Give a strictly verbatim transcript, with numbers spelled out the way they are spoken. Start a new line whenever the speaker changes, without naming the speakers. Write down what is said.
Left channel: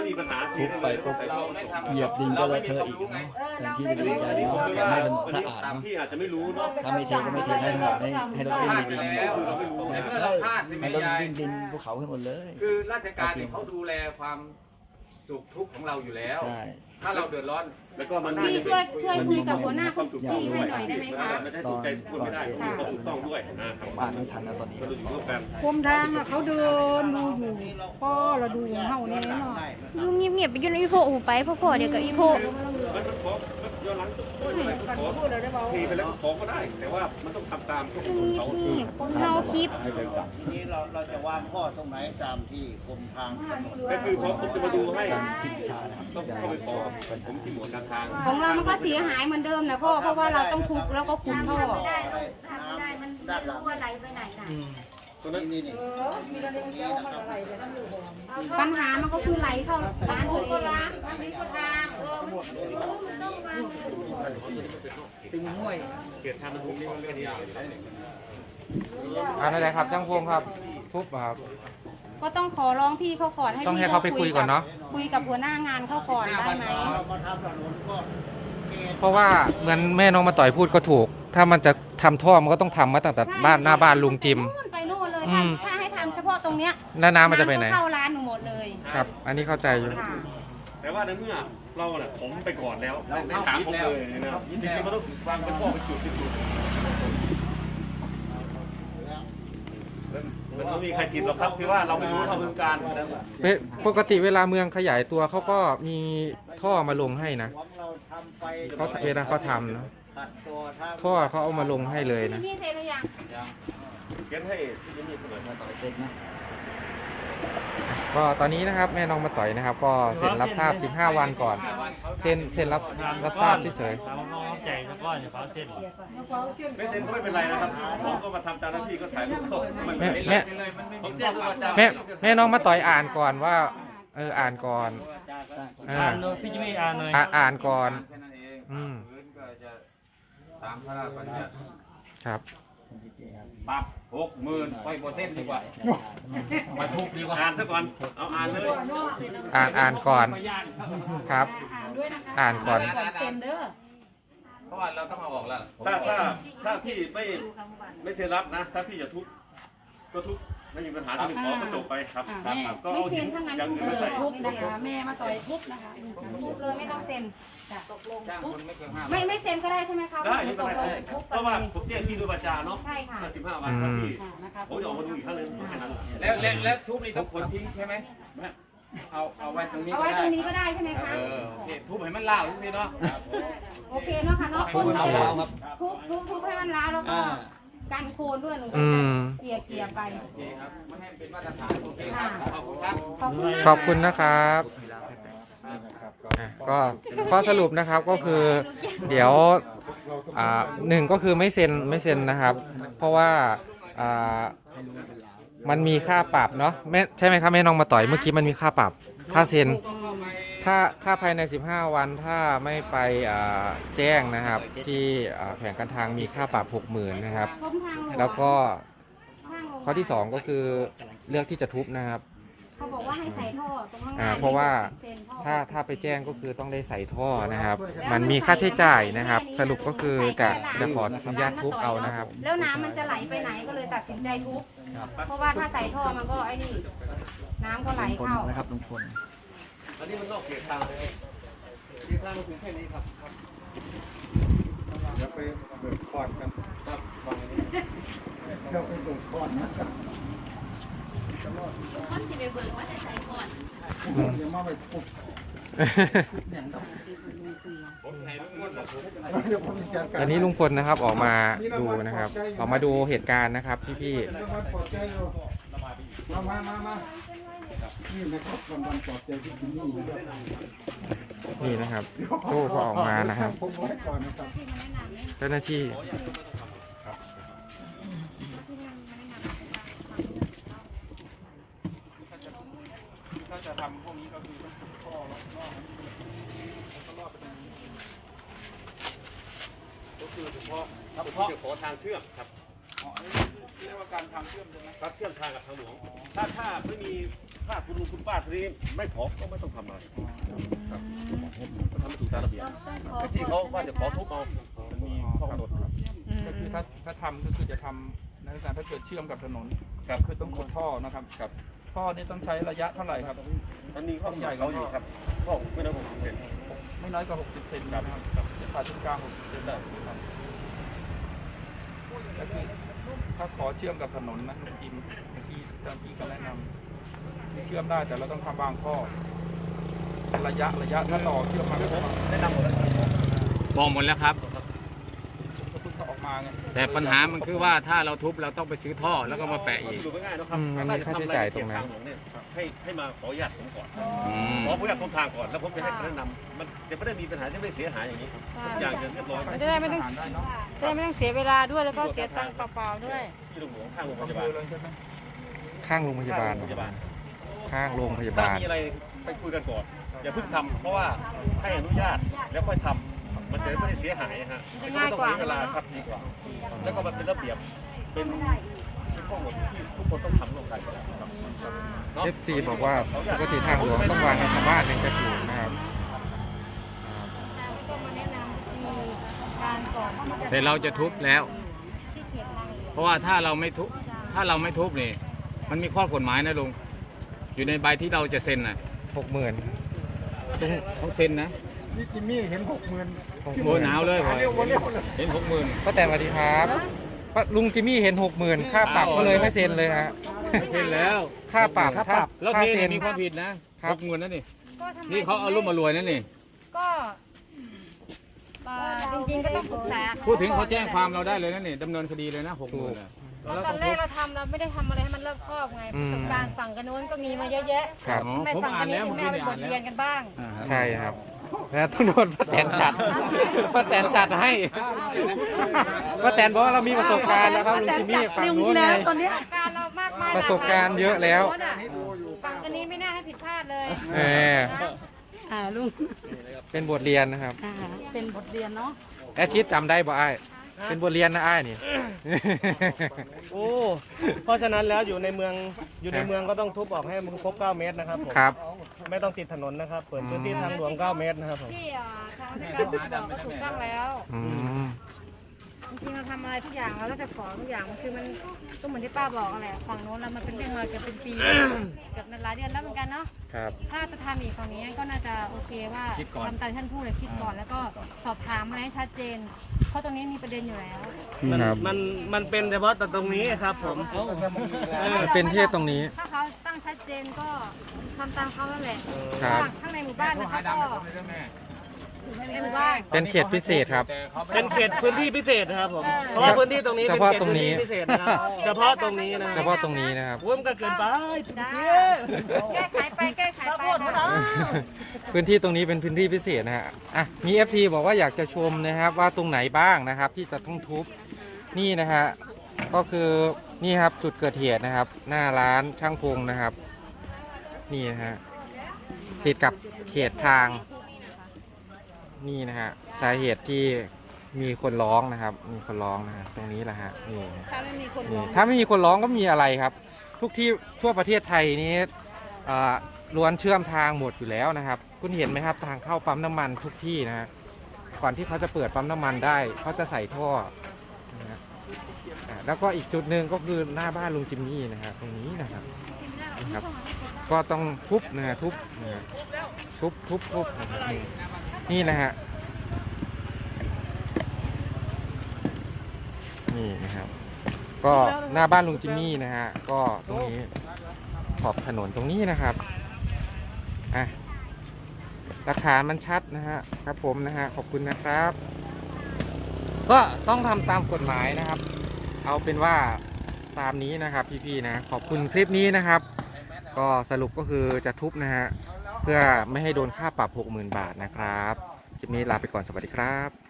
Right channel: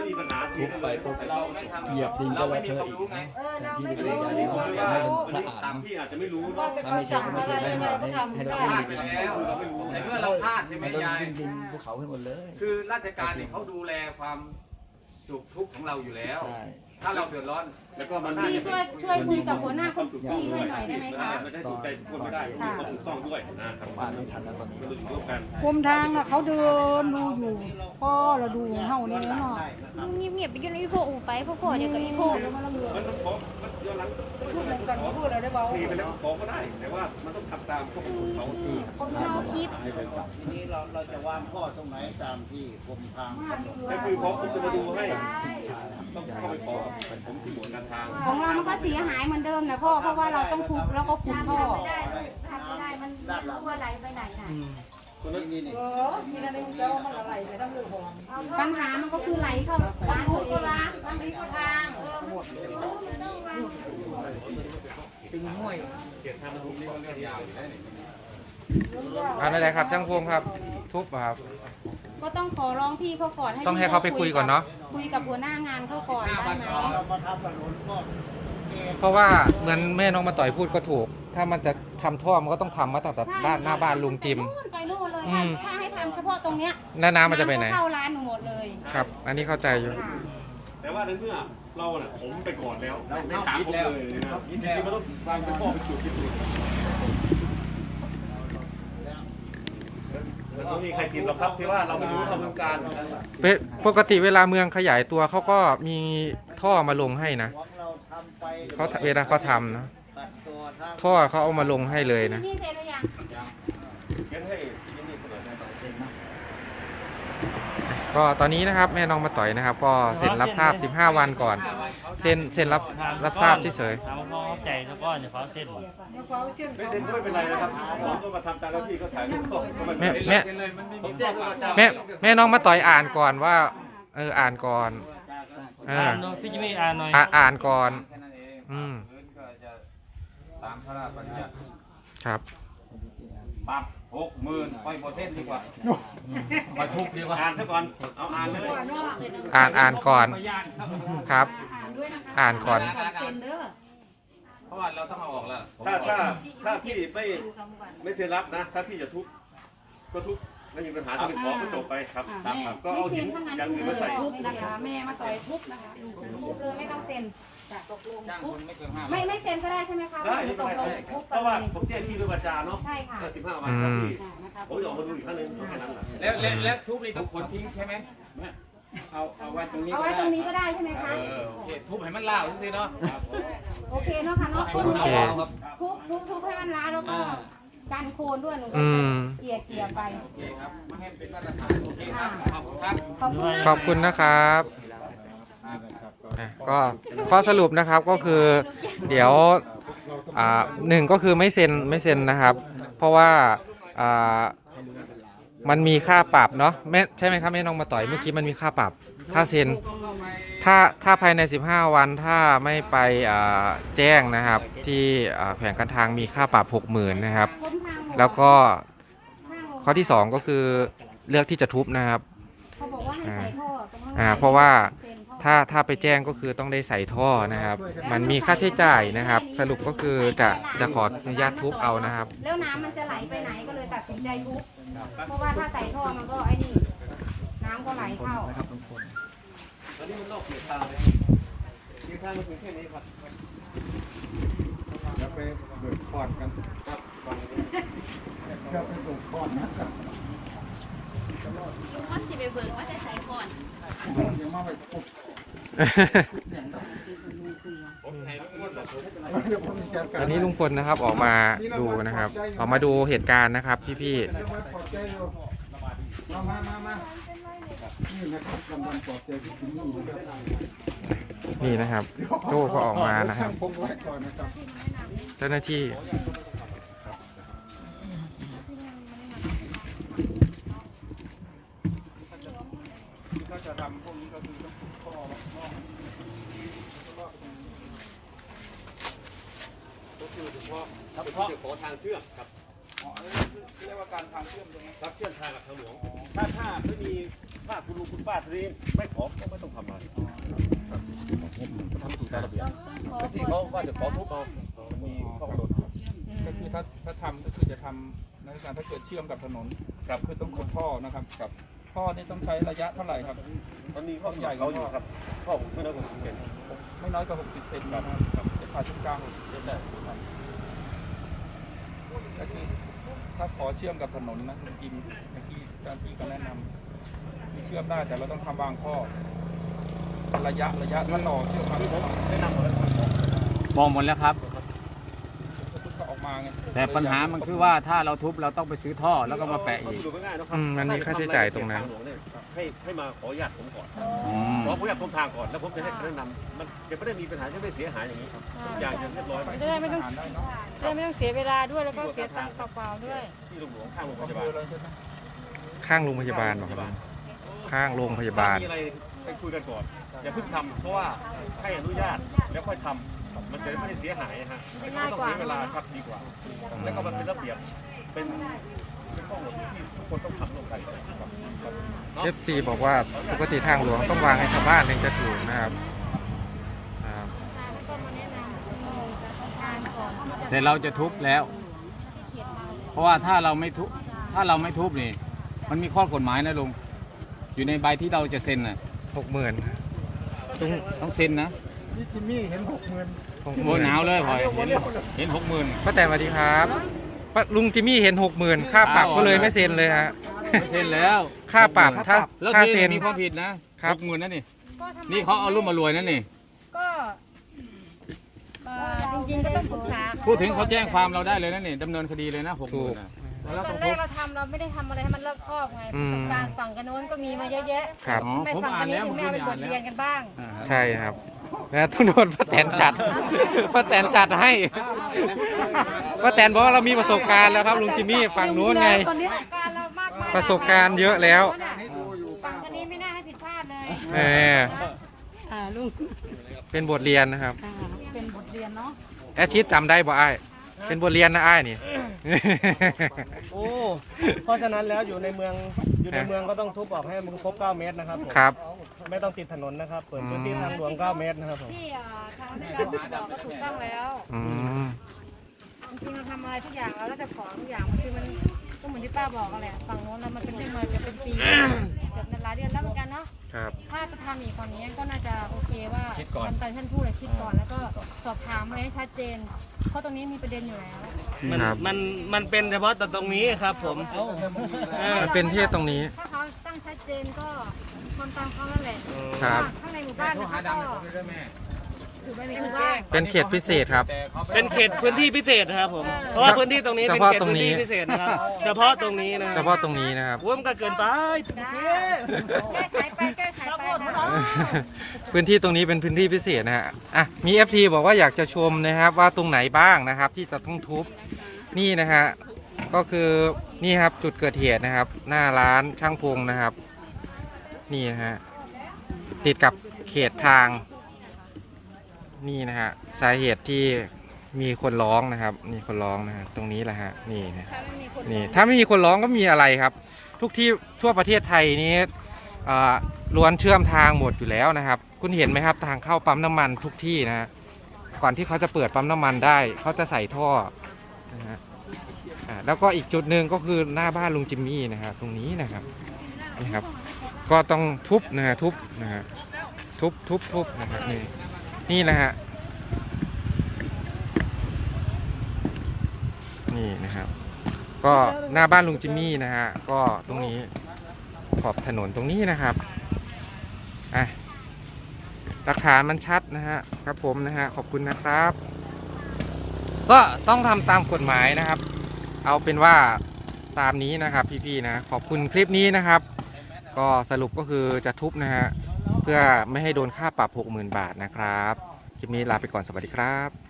มีปัญหาทีนั่นเลยใส่ท่อมาส่ง
เหยียบดินก็เลอะเทอะอีกนะแทนที่จะดีใจ
อันนี้ผมไม่ว่า
ให้มัน
อัน
สะ
นี้
อาด
พี่อาจจะไม่รู้เนาะ
ถ้าไม่ใช่ก็ไม่เทให้หมดให้ให้เราวิ่งดิน
คือเราไม่รู้
ใน
นะ
เมื่อเราพลาดใช่ไหม
ให้เรา
ยาย
วิ่งดินภูเขาให้หมดเลย
คือราชการเนี่ยเขาดูแลความสุขทุกข์ของเราอยู่แล้ว
ใช่
ถ้าเราเดือดร้อน
แล้วก็มัน
พี่ช่วยช่วยคุยกับหัวหน้า
ความถูกต้อง
พี่
ด้ว
ให้
ย
หน่อยได้ไหมคะ
ไม่ได้ถูกใจทุกคนไม่ได้ต้องมีความถูกต้องด้วยนะครับ
อ่านไม่ทันแล้วตอนนี้
มันดูอยู่ร่วมกัน
คุมทางน่ะเขาเดินดูอยู่พ่อเราดูเฮาเนี่ยเนาะ
ยุ่งเงียบๆไปยุ่งอีโพอูไปพวกพ่อเดี๋ยวกับอีโพ
มันมันขอมันย้อนหลังอะไรก็ขอทีไปแล้วขอก็ได้ แต่ว่ามันต้องทำตามข้อกำหนดเขา
นี่คนเฮาคลิป
ให้ไปก่อน
ทีนี้เราเราจะวางข้อตรงไหนตามที่กรมทางกำหนด
ก็คือพร้อมผมจะมาดูให้ต้องเข้าไปขอผมที่หมวดการทาง
ของเรามันก็เสียหายเหมือนเดิมนะพ่อเพราะว่าเราต้องทุบแล้วก็ขุดท่อ
ทำไม่ได้ลูกทำไม่ได้มันไม่รู้ว่าไหลไปไหนน่ะ
ตรงนั้น
นี่นี่
ปัญหามันก็คือไหลเข้าร้านตัวเอง
เกิดทางมันทุกนี่ก็เรื่องยาวอยู่แล้ว
อันนั้นแหละครับช่างพงครับทุบครับ
ก็ต้องขอร้องพี่เขาก่อนให้
ต้องให้เขาไปคุยก่อนเนอะ
คุยกับหัวหน้างานเขาก่อนได้ไหม
เพราะว่าเหมือนแม่น้องมาต่อยพูดก็ถูก ถ้ามันจะทำท่อมันก็ต้องทำมาตั้งแต่บ้านหน้าบ้านลุงจิม
นู่นไปนู่นเลย
อื
ถ้าม ถ้าให้ทำเฉพาะตรงเนี้ย
แล้วน้ำมันจะไปไหน
ก็เข้าร้านหนูหมดเลย
ครับ อันนี้เข้าใจอยู่
ค่ะ
แต่ว่าในเมื่อเราเนี่ยผมไปก่อนแล้ว
เราเข้า
ถาม
คิด
ผม
แล้ว
เลยนะ
เข้าคิดแล้ว
มันต้องวางเป็นข้อไปจุดไปจุดมันไม่มีใครผิดหรอกครับที่ว่าเราไม่รู้ทำเรื่องการนั่นแหละ
เป็นปกติเวลาเมืองขยายตัวเขาก็มีท่อมาลงให้นะ
หวังเราทำไป
เขาเวลาเขาทำนะ
ขัดตัวทาง
ท่อเขาเอามาลงให้เลยนะ
พี่เทหรือยัง
เขียนให้ที่นี่คนหน่อยนะ
ก็ตอนนี้นะครับแม่น้องมาต่อยนะครับ ก็เซ็นรับทราบสิบห้าวันก่อนเซ็นเซ็นรับรับทราบเฉย
ไม่เซ็นก็ไม่เป็นไรนะครับผมก็มาทำตามหน้าที่ก็ถ่ายรูปก็ไม่
ๆ
เป็น
แม่
ไร
แม่
ผมแจ้งทุกวันจันทร์
แม่แม่น้องมาต่อยอ่านก่อนว่าเอออ่านก่อนเอออ่านอ่านก่อน
แค่นั้นเอง
อืม
พื้นก็จะตามพระราชบัญญัติ
ครับ
ปรับหกหมื่นไปโปรเซ็นต์ดีกว่ามาทุบดีกว่า
อ่านซะก่อนเอาอ่านเลย
อ่านอ่านก่อนครับ
อ่านด้วยนะคะ
อ่านก่อน
เซ็นเด้อ
เพราะว่าเราต้องเอาออกแล้ว
ถ้าถ้าถ้าพี่ไม่ไม่เซ็นรับนะ ถ้าพี่จะทุบก็ทุบไม่มีปัญหาถ้าไม่ขอก็จบไปครับ
อ่า
ครับ
แม่
ก็
ไม่
เอา
เซ็
หิ
น
น
ข้างใน
อย่าง
ทุ
อื่นมาใส่
บนะคะแม่มาต่อยทุบนะคะทุบเลยไม่ต้องเซ็นจ้ะตกลง
จ้าง
ทุ
ค
บ
นไม่เกินห้า
ไม่ไม่เซ็นก็ได้ใช่ไหมคะ
ได้
ไม่
ไม่
ต
เป็น
ก
ไร
ลงทุบ
เพ
กัน
ราะ
เล
ว่าย ผมแจ้งที่ด้วยวาจาเนาะ
ใช่ค่ะ
สิบห้าวันครับพี่
อ่านะคะ
ผมจะออกมาดูอีกครั้งหนึงแค่นั้นแหละ
แล้วแล้วแล้วทุบนี่ต้องขนทิ้งใช่ไหมเอาเอาไว้ตรงนี้
เอา
ก็
ไว้
ได้
ตรงนี้ก็ได้ใช่ไหมคะ
เออโอเคทุบให้มันเล่าทุกทีเนาะ
โอเคเนาะค่ะเนาะ
โอเค
ทุบทุบทุบให้มันร้าวแล้วก็กันโคนด้วยหนูก็
อืม
เกลี่ยเกลี่ยไป
โอเคครับไม่ให้เป็นมาตรฐานโอเคครับขอบคุณครับ
ขอบคุณนะ
ขอบคุณนะครับอ่ะก็ข้อสรุปนะครับก็คือ เดี๋ยวอ่าหนึ่งก็คือไม่เซ็นไม่เซ็นนะครับ เพราะว่าอ่ามันมีค่าปรับเนาะแม่ใช่ไหมครับแม่น้องมาต่อยเมื่อกี้มันมีค่าปรับ ถ้าเซ็นถ้าถ้าภายในสิบห้าวันถ้าไม่ไปอ่าแจ้งนะครับ ที่อ่าแผงการทางมีค่าปรับหกหมื่นนะครับ
พ้นทางหง
แล้วก็
ทางหลวง
ข้อที่สองก็คือเลือกที่จะทุบนะครับ
เขาบอกว่าให้ใส่ท่อตรงข้างใน
อ่าเพราะว่า
เซ็นท่อ
ถ้าถ้าไปแจ้งก็คือต้องได้ใส่ท่อนะครับ มันมีค่าใช้จ่ายนะครับ สรุปก็คือจะจะขออนุญาตทุบเอานะครับ
แล้วน้ำมันจะไหลไปไหนก็เลยตัดสินใจทุบเพราะว่าถ้าใส่ท่อมันก็ไอ้นี่น้ำก็ไหลเข้า
นะครับลุงพล
อันนี้มันก็เขียนตังค์เลยเขียนตังค์ถึงแค่นี้ครับ
แล้วไปเบิกพอดกัน
ครับวางนี้
ก็ไปเบิกพอดนะ
มันสิไปเบิ่งว่าจะใส่ก่อน
เดี๋ยวมาไปปุ๊บอย่างนั้นเดี๋ยวผมจัดการ
ตอนนี้ลุงพลนะครับออกมาดูนะครับ ออกมาดูเหตุการณ์นะครับ พี่
รางวัลปลอบใจอยู่มามามามานี่นะครับรางวัลปลอบใจที่ถึงนี่นะครับ
ๆนี่นะครับตู้ก็ออกมานะครับ
ผมไว้ก่อนนะครับ
เจ้าหน้าที่
ถ้าจะทำพวกนี้ก็คือต้องทุบท่อล็อกนอกแล้วก็ลอดไปตรงนี้
ก็คือเฉพาะเฉพาะขอทางเชื่อมครับ
อ๋ออันนี้เรียกว่าการทางเชื่อมใช่ไหม
ครับเชื่อมทางกับทางหลวงถ้าถ้าไม่มีถ้าคุณลุงคุณป้าทีนี้ไม่ขอก็ไม่ต้องทำอะไรครับก็ทำให้ถูกตามระเบียบแต่ที่เขาว่าจะขอทุบเอามันมีข้อกำหนดครับ
ก็คือถ้าถ้าทำก็คือจะทำในการถ้าเกิดเชื่อมกับถนนครับคือต้องขุดท่อนะครับครับท่อนี่ต้องใช้ระยะเท่าไหร่ครับ
มันมีข้อกำหนดเขาอยู่ครับข้อไม่น้อยกว่าหกสิบเซน
ไม่น้อยกว่าหกสิบเซนนะครับครับจะผ่าศูนย์กลางหกสิบเซนได้ครับก็คือถ้าขอเชื่อมกับถนนนะจริงๆที่เจ้าหน้าที่ก็แนะนำเชื่อมได้แต่เราต้องทำบางข้อระยะระยะถ้าต่อเชื่อมมาไม่พบ
แนะนำหมดเลย
มองหมดแล้วครับ
ก็พุทธออกมาไง
แต่ปัญหามันคือว่าถ้าเราทุบเราต้องไปซื้อท่อแล้วก็มาแปะอีก
ดูง่ายๆนะครับ
อืมมันมีค่าใช้จ่ายตรงนั้น
ให้ให้มาขออนุญาตผมก่อน
อืม
ขออนุญาตผมทางก่อนแล้วผมจะให้คำแนะนำมันจะไม่ได้มีปัญหาจะไม่เสียหายอย่างนี้ทุกอย่างจะเรียบร้อย
จะได้ไม่ต้องได้เนาะ
จะไม่ต้องเสียเวลาด้วยแล้วก็เสียตังค์เปล่าๆด้วย
ที่โรงหลวงข้างโรงพ
อำ
ยา
เภ
บาล
อเลยใช่ไหม
ข้างโรงพยาบาล
โรงพยาบาล
ข้างโรงพยา
ถ้า
บาล
มีอะไรไปคุยกันก่อนอย่าเพิ่งทำเพราะว่าให้อนุญาตแล้วค่อยทำมันจะไม่ได้เสียหายฮะมันก็ไม่ต้องเสียเวลาครับดีกว่า แล้วก็มันเป็นระเบียบเป็นเป็นข้อกำหนดที่ทุกคนต้องทำร่วมกันครับ
เอฟซีบอกว่าปกติทางหลวงต้องวางให้ชาวบ้านถึงจะถูกนะครับครับ
แล้วก็มาแนะนำวิธีการก่อนที่จะ
แต่เราจะทุบแล้ว
ที่เขียนทางหลวง
เพราะว่าถ้าเราไม่ทุบถ้าเราไม่ทุบนี่มันมีข้อกฎหมายนะลุงอยู่ในใบที่เราจะเซ็นน่ะ
หกหมื่นลุง
ต้องเซ็นนะ
นี่จิมมี่เห็นหกหมื่น
หกห
โอ้
มื่น
หนาวเลยพอเห็นเห็นหกหมื่น
ป้าแตนสวัสดีครับป้าลุงจิมมี่เห็นหกหมื่นค่าปรับก็เลยไม่เซ็นเลยฮะ
ไม่เซ็นแล้ว
ค่าปรับถ้า
แล้ว
ค่า
เท
เซ็น
มีความผิดนะครับ หกหมื่นนั่นนี่
ก็ทำไม
นี่เขาเอารุ่มมารวยนั่นนี่
ก็อ่าจริงๆก็ต้องปรึกษา
พูดถึงเขาแจ้งความเราได้เลยนั่นนี่ดำเนินคดีเลยนะหกหมื่น
ตอนแรกเราทำเราไม่ได้ทำอะไรให้มันรอบคอบไงประสบการณ์ฝั่งกันโน้นก็มีมาเยอะแยะ
ครับ
ทำไมฝั่งกันนี้ถึงไม่เอาเป็นบทเรียนกันบ้าง
ใช่ครับแล้วต้องโดนป้าแตนจัดป้าแตนจัดให้ป้าแตนบอกว่าเรามีประสบการณ์แล้วครับลุงจิมมี่ฝั่งนู้นไง
การเรามากมาย
ประสบการณ์เยอะแล้ว
ฝั่งอันนี้ไม่น่าให้ผิดพลาดเลย
เออ
อ่าลุง
เป็นบทเรียนนะครับ
อ่าเป็นบทเรียนเนาะ
แอดชิดจำได้บ่อ้ายเป็นบทเรียนนะอ้ายนี่
โอ้ เพราะฉะนั้นแล้วอยู่ในเมืองอยู่ในเมืองก็ต้องทุบออกให้มันครบเก้าเมตรนะครับผม
ครับ
ไม่ต้องติดถนนนะครับ เปิดพื้นที่ทางหลวงเก้าเมตรนะครับผม
ที่อ่าทางราชการบอกก็ถูกต้องแล้ว
อืม
จริงๆเราทำอะไรทุกอย่างเราแล้วแต่ขอทุกอย่างมันคือมันก็เหมือนที่ป้าบอกกันแหละฝั่งโน้นเรามันเป็นเรื่องมาเกือบเป็นปี เกือบหลายเดือนแล้วเหมือนกันเนาะ
ครับ
ถ้าจะทำอีกฝั่งนี้ก็น่าจะโอเคว่าทำตามที่ท่านพูดเลยคิดก่อน แล้วก็สอบถามมาให้ชัดเจน เพราะตรงนี้มีประเด็นอยู่แล้ว
ครับ
มันมันเป็นเฉพาะแต่ตรงนี้ครับผม
มันเป็นที่ตรงนี้
ถ้าเขาตั้งชัดเจนก็ทำตามเขาแล้วแหละ
ครับ
ข้างในหมู่บ้านนะคะก็ในหมู่บ้าน
เป็นเขตพิเศษครับ
เป็นเขตพื้นที่พิเศษนะครับผม
อ่า
เพราะว่าพื้นที่ตรงนี้
เฉ
เป็น
พาะ
เขต
ตรง
พื้น
นี้
ที่พิเศษนะครับเฉพาะตรงนี้นะ
เฉพาะตรงนี้นะครับ
ร่วมก็เกินไป
จ้าแก้ไขไปแก้ไขไปค่ะ
พื้นที่ตรงนี้เป็นพื้นที่พิเศษนะฮะ อ่ะ มี เอฟ ที บอกว่าอยากจะชมนะครับว่าตรงไหนบ้างนะครับ ที่จะต้องทุบ นี่นะฮะ ก็คือนี่ครับจุดเกิดเหตุนะครับ หน้าร้านช่างพงนะครับ นี่นะฮะ ติดกับเขตทาง นี่นะฮะ สาเหตุที่มีคนร้องนะครับ มีคนร้องนะฮะตรงนี้แหละฮะ นี่นะ
ถ้าไม่มีคน
นี่ถ้าไม่มีคนร้องก็มีอะไรครับ ทุกที่ทั่วประเทศไทยนี้เอ่อล้วนเชื่อมทางหมดอยู่แล้วนะครับ คุณเห็นไหมครับทางเข้าปั๊มน้ำมันทุกที่นะฮะก่อนที่เขาจะเปิดปั๊มน้ำมันได้เขาจะใส่ท่อนะฮะอ่าแล้วก็อีกจุดหนึ่งก็คือหน้าบ้านลุงจิมมี่นะครับตรงนี้นะครับนะครับ ก็ต้องทุบนะฮะทุบนะฮะทุบทุบทุบนะครับนี่นี่นะฮะนี่นะครับ ก็หน้าบ้านลุงจิมมี่นะฮะก็ตรงนี้ขอบถนนตรงนี้นะครับอ่ะหลักฐานมันชัดนะฮะครับผมนะฮะขอบคุณนะครับ ก็ต้องทำตามกฎหมายนะครับ เอาเป็นว่าตามนี้นะครับพี่ๆนะขอบคุณคลิปนี้นะครับ ก็สรุปก็คือจะทุบนะฮะเพื่อไม่ให้โดนค่าปรับ หกหมื่น บาทนะครับคลิปนี้ลาไปก่อนสวัสดีครับ